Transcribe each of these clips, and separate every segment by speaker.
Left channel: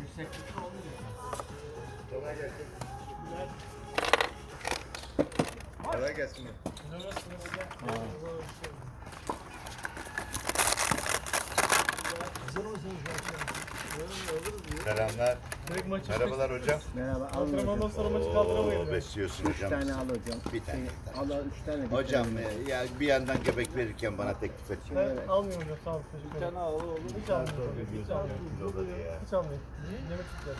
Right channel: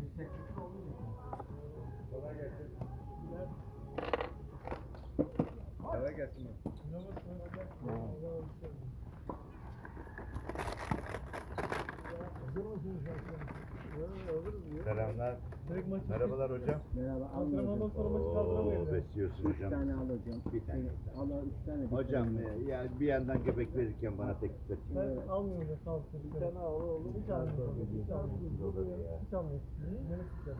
Speaker 1: Yükseklikte olmayacak.
Speaker 2: Kolay gelsin. Kolay gelsin. Selamlar. Merhabalar hocam.
Speaker 3: Merhaba. al
Speaker 4: Antrenmandan
Speaker 3: hocam.
Speaker 4: sonra maçı kaldıramayız.
Speaker 2: Oo, besliyorsun
Speaker 3: Üç
Speaker 2: hocam.
Speaker 3: tane al hocam.
Speaker 2: Bir tane.
Speaker 3: Al al üç tane. bir
Speaker 2: Hocam
Speaker 3: tane.
Speaker 2: e, ya bir yandan göbek verirken bana teklif et.
Speaker 4: Ben almıyorum hocam sağ olun. Teşekkür ederim. Hiç almıyorum. Hiç almıyorum. Hiç almıyorum. Yemek
Speaker 3: ye.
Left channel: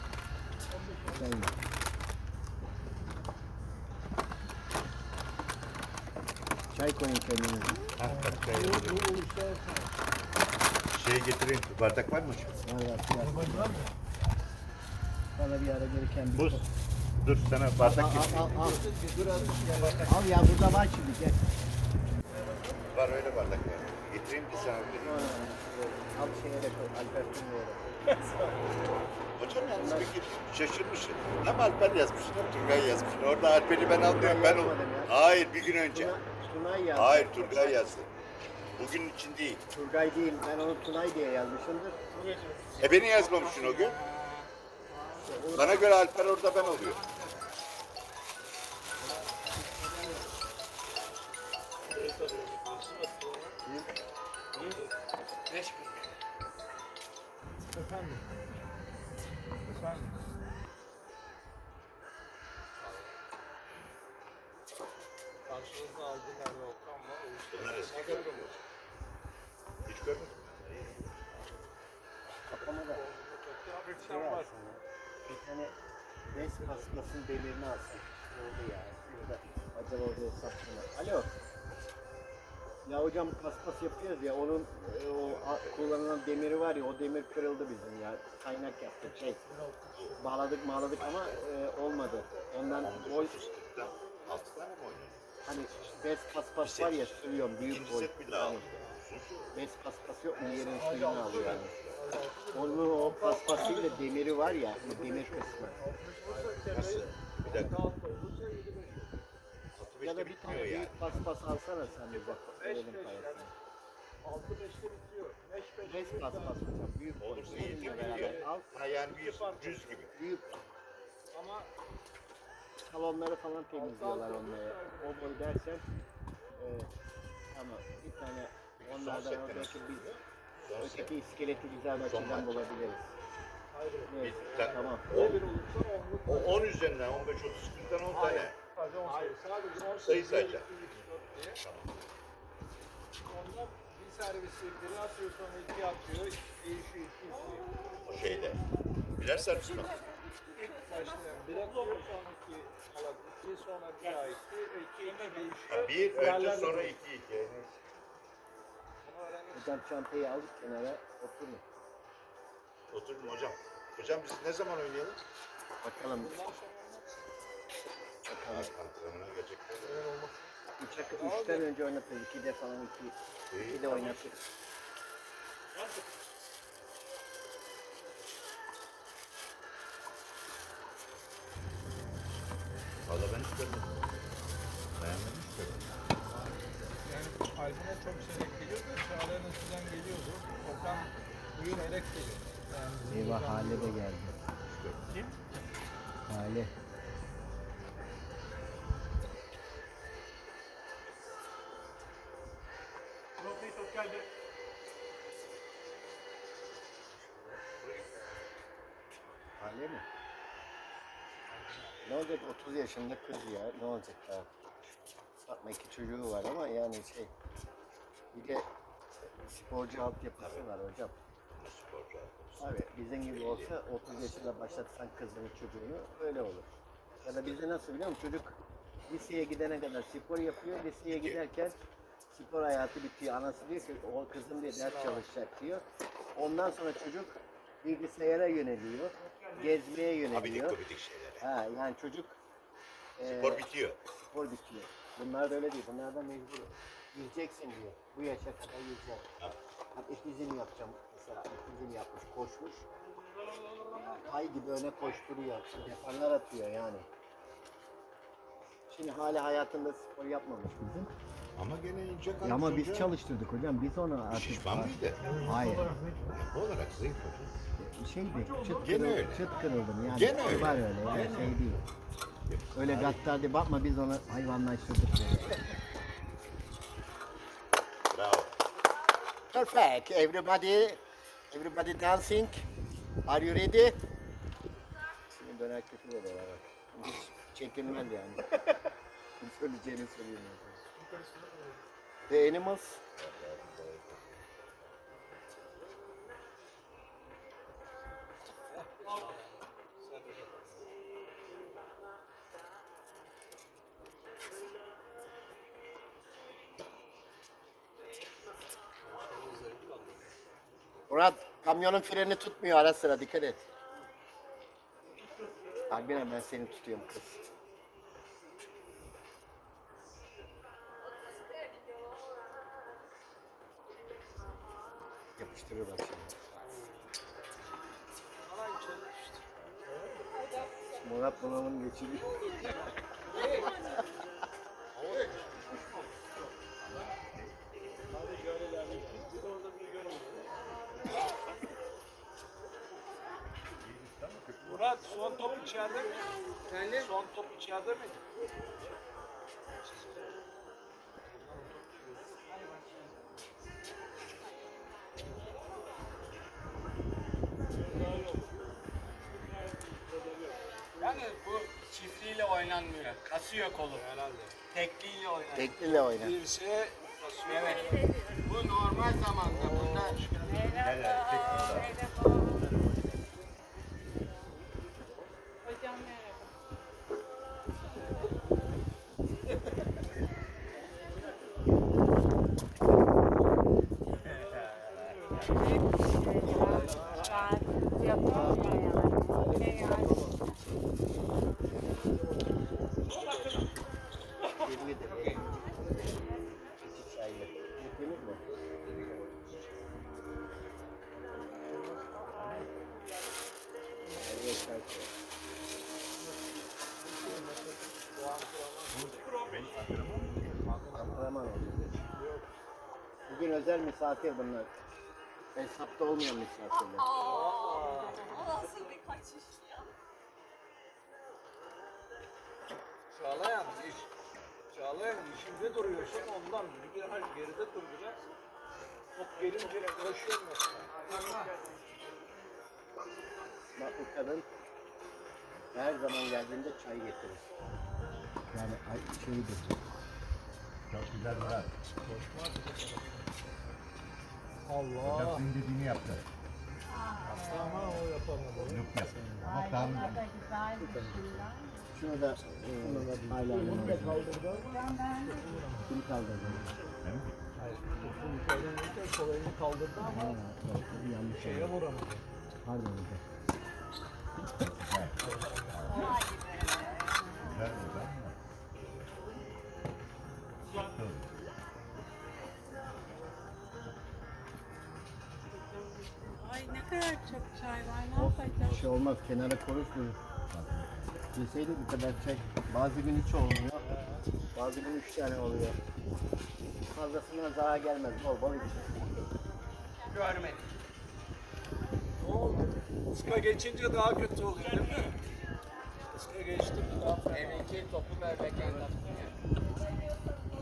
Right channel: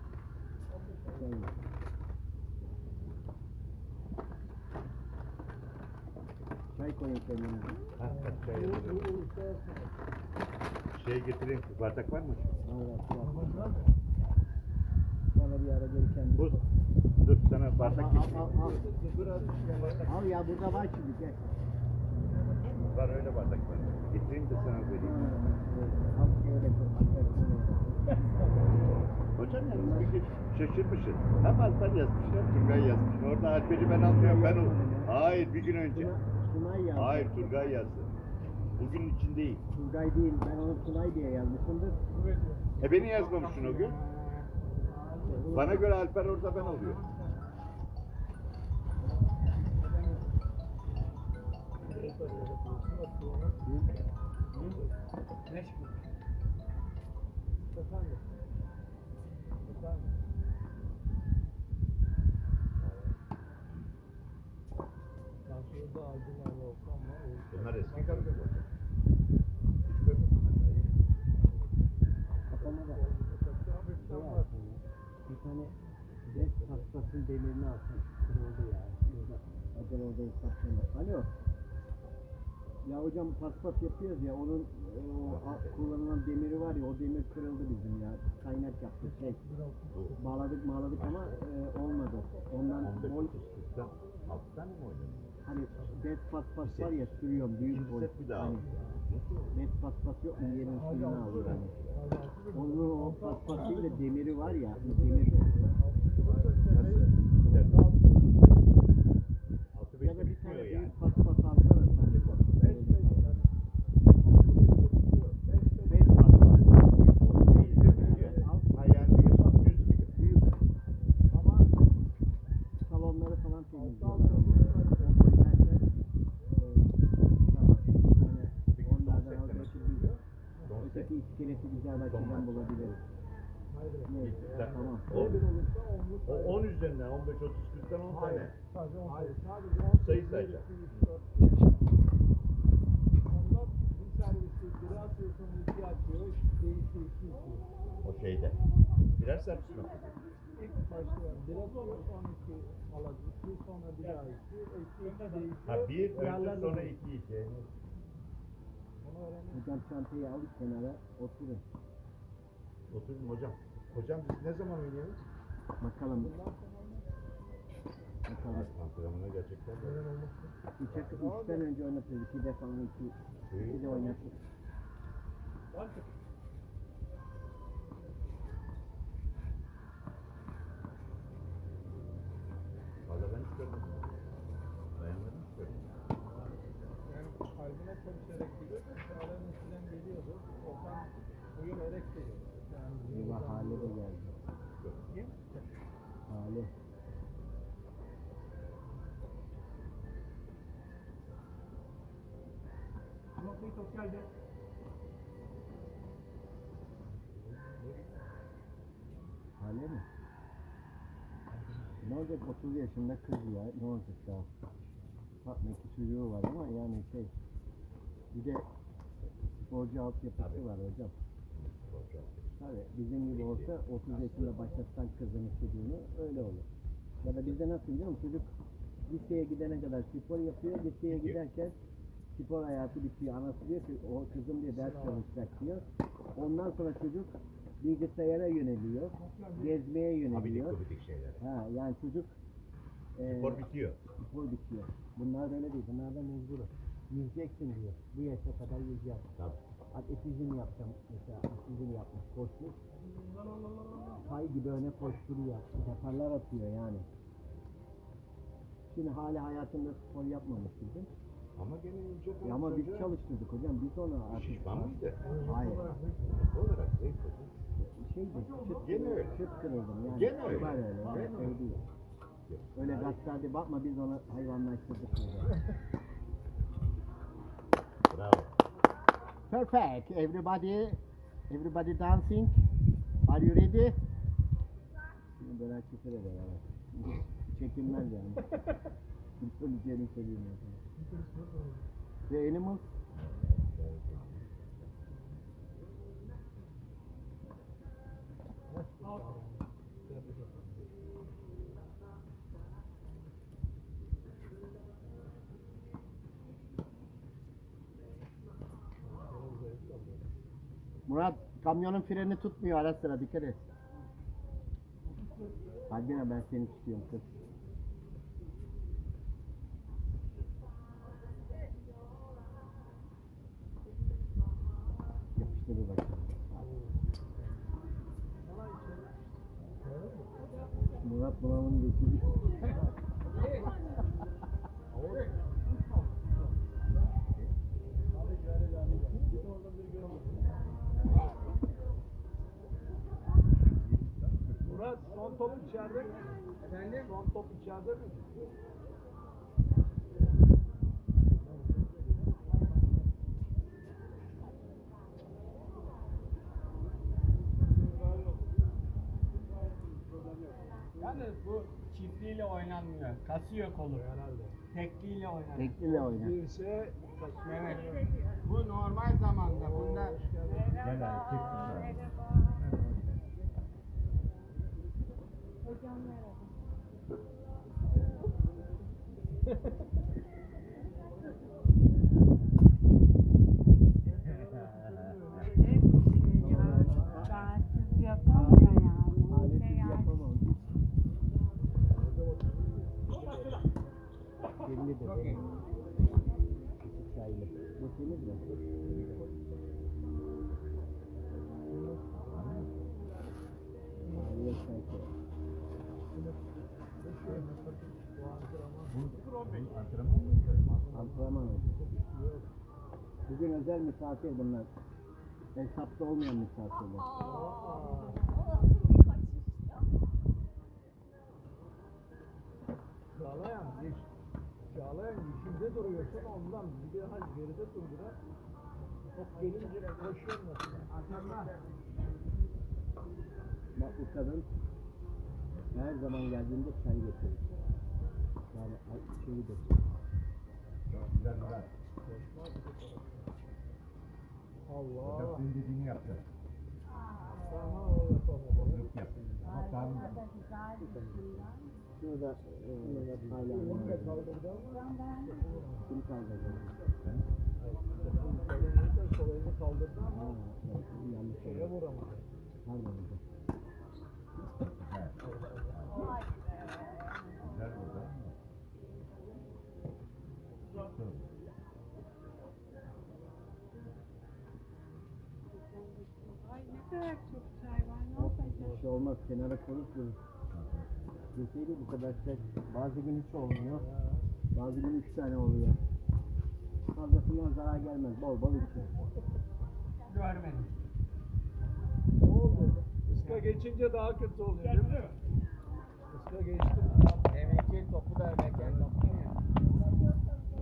Speaker 3: Çay koyun kendine.
Speaker 2: Şey getireyim. Bardak var mı hocam?
Speaker 3: Var var. var. Bana bir ara gelirken bir...
Speaker 2: Buz. Dur sana
Speaker 3: Al,
Speaker 2: bardak
Speaker 3: al,
Speaker 2: getireyim.
Speaker 3: al, al. Al ya burada var şimdi gel.
Speaker 2: Var öyle bardak. Getireyim de sana vereyim.
Speaker 3: Al şeye de koy.
Speaker 2: Hocam yalnız bir kere şaşırmışsın. Hem Alper yazmış hem Turgay yazmış. Orada Alper'i ben anlıyorum. Ben o... Hayır bir gün önce.
Speaker 3: Tuna- Tunay yazdı.
Speaker 2: Hayır Turgay yazdı. Bugün için değil.
Speaker 3: Turgay değil. Ben onu Tunay diye yazmışımdır.
Speaker 2: E beni yazmamışsın o gün. Bana göre Alper orada ben oluyorum.
Speaker 1: Var.
Speaker 2: Bunlar eski görmüyor. Hiç görmedim.
Speaker 3: Kafama da şey alsın ya. Bir tane paspasın demirini alsın. Kırıldı ya. Burada acaba orada hesaplayın. Alo. Ya hocam paspas yapıyoruz ya onun e, o a- kullanılan demiri var ya o demir kırıldı bizim ya. Kaynak yaptık şey. Bağladık bağladık ama e, olmadı. Ondan boy
Speaker 2: Fıstıkta. Altı tane mi oynuyor?
Speaker 3: hani bez paspas var ya sürüyorum büyük
Speaker 2: İkinci
Speaker 3: boy.
Speaker 2: set bir daha
Speaker 3: Hani
Speaker 2: aldım.
Speaker 3: bez paspas yok mu yerin suyunu alıyor yani. Onun o paspasıyla demiri var ya demir kısmı.
Speaker 2: Nasıl? Bir dakika.
Speaker 3: Bir tane
Speaker 2: bitmiyor yani.
Speaker 3: büyük paspas alsana sen.
Speaker 2: Bir gibi.
Speaker 3: Büyük. Salonları falan temizliyorlar onlara. O e, bir tane onlardan öteki iskeleti güzel açıdan bulabiliriz. Neyse,
Speaker 2: Ta-
Speaker 3: tamam.
Speaker 2: O 10 üzerinden 15 30 40'tan 10 tane
Speaker 4: Sadece on sayı.
Speaker 2: sayı sayacak.
Speaker 1: Onlar bir servisi biri atıyor sonra iki atıyor. Değişiyor iki istiyor.
Speaker 2: Şeyde. Birer servis mi?
Speaker 1: Başta biri atıyor sonra iki sonra bir daha iki. İki değişiyor.
Speaker 2: Ha, bir önce sonra iki iki.
Speaker 3: Hocam çantayı al kenara oturun.
Speaker 2: Oturun hocam. Hocam biz ne zaman oynayalım?
Speaker 3: Bakalım. Bakalım.
Speaker 2: Antrenmana gerçekten.
Speaker 3: Üçe, üçten önce oynatırız. İkide falan iki, iki de oynatırız.
Speaker 2: Valla
Speaker 4: top geldi.
Speaker 3: Hale mi? Ne olacak 30 yaşında kız ya. Ne olacak daha? Bakma iki çocuğu var ama yani şey. Bir de sporcu altyapısı var hocam. Abi bizim gibi olsa 30 yaşında başlatsan kızını çocuğunu öyle olur. Ya da bizde nasıl biliyor musun? Çocuk liseye gidene kadar spor yapıyor. Liseye giderken spor hayatı bitiyor. Anası diyor ki o kızım diye ders çalışacak diyor. Ondan sonra çocuk bilgisayara yöneliyor. Gezmeye
Speaker 2: Abidik
Speaker 3: yöneliyor.
Speaker 2: gubidik şeyler.
Speaker 3: Ha yani çocuk e,
Speaker 2: Spor bitiyor.
Speaker 3: spor bitiyor. Bunlar da öyle değil. Bunlardan mecbur. Yüzeceksin diyor. Bu yaşa kadar yüzeceksin.
Speaker 2: Ha.
Speaker 3: Atletizm yapacağım mesela. Atletizm yapmış, koşmuş. Kay gibi öne koşturuyor. Deparlar atıyor yani. Şimdi hala hayatında spor yapmamış bizim.
Speaker 2: Ama gene ince
Speaker 3: Ya
Speaker 2: kalmış
Speaker 3: ama biz çalıştırdık hocam. Biz onu artık...
Speaker 2: Şişman mıydı?
Speaker 3: Hayır.
Speaker 2: Olarak zayıf.
Speaker 3: şeydi. Çıt,
Speaker 2: Gene
Speaker 3: kırıl-
Speaker 2: öyle.
Speaker 3: çıt kırıldım yani.
Speaker 2: Gene öyle.
Speaker 3: Var öyle yani
Speaker 2: Gene
Speaker 3: şey değil. Öyle gaddar diye bakma biz onu hayvanlaştırdık. diye.
Speaker 2: Bravo.
Speaker 3: Perfect. Everybody, everybody dancing. Are you ready? Şimdi döner küfür oluyor çekilmez yani. Söyleyeceğini söyleyeyim. The animals. Murat kamyonun freni tutmuyor ara sıra dikkat et. Harbiden ben seni tutuyorum kız.
Speaker 1: Top içeride mi? Efendim? Son top içeride mi?
Speaker 5: Yani bu çiftliğiyle oynanmıyor. Kasıyor kolu.
Speaker 1: Herhalde.
Speaker 5: Tekliyle oynanıyor.
Speaker 3: Tekliyle oyna.
Speaker 1: Dirseğe basıyor.
Speaker 5: Evet. Bu normal zamanda. Bunda
Speaker 6: Hocam
Speaker 3: Bugün özel misafir bunlar. Hesapta olmayan misafirler.
Speaker 6: O nasıl bir kaçış ya?
Speaker 1: Çağlayan diş. Çağlayan dişimde duruyor şey ondan biraz geride duracak. Top gelince koşuyor mu? Arkanda.
Speaker 3: Bak bu kadın her zaman geldiğinde çay getirir. Yani ay, şeydir.
Speaker 2: Çok güzel var.
Speaker 1: Allah.
Speaker 2: Hocam senin dediğini yaptı.
Speaker 1: Ama o yapamadı.
Speaker 2: Yok ya. Ama tamam.
Speaker 3: Şunu da e, hala Kim kaldırdı?
Speaker 1: Kolayını kaldırdı ama
Speaker 3: Ha, evet, yanlış
Speaker 1: şeye vuramadı.
Speaker 3: Pardon olmaz kenara korursunuz. Bilseydik bu kadar çay. Bazı gün hiç olmuyor. Bazı gün üç tane oluyor. Fazlasından zarar gelmez. Bol bol.
Speaker 1: Ne oldu? Iska geçince daha kötü oluyor değil mi? Iska geçti mi?
Speaker 5: Deminki topu da ya.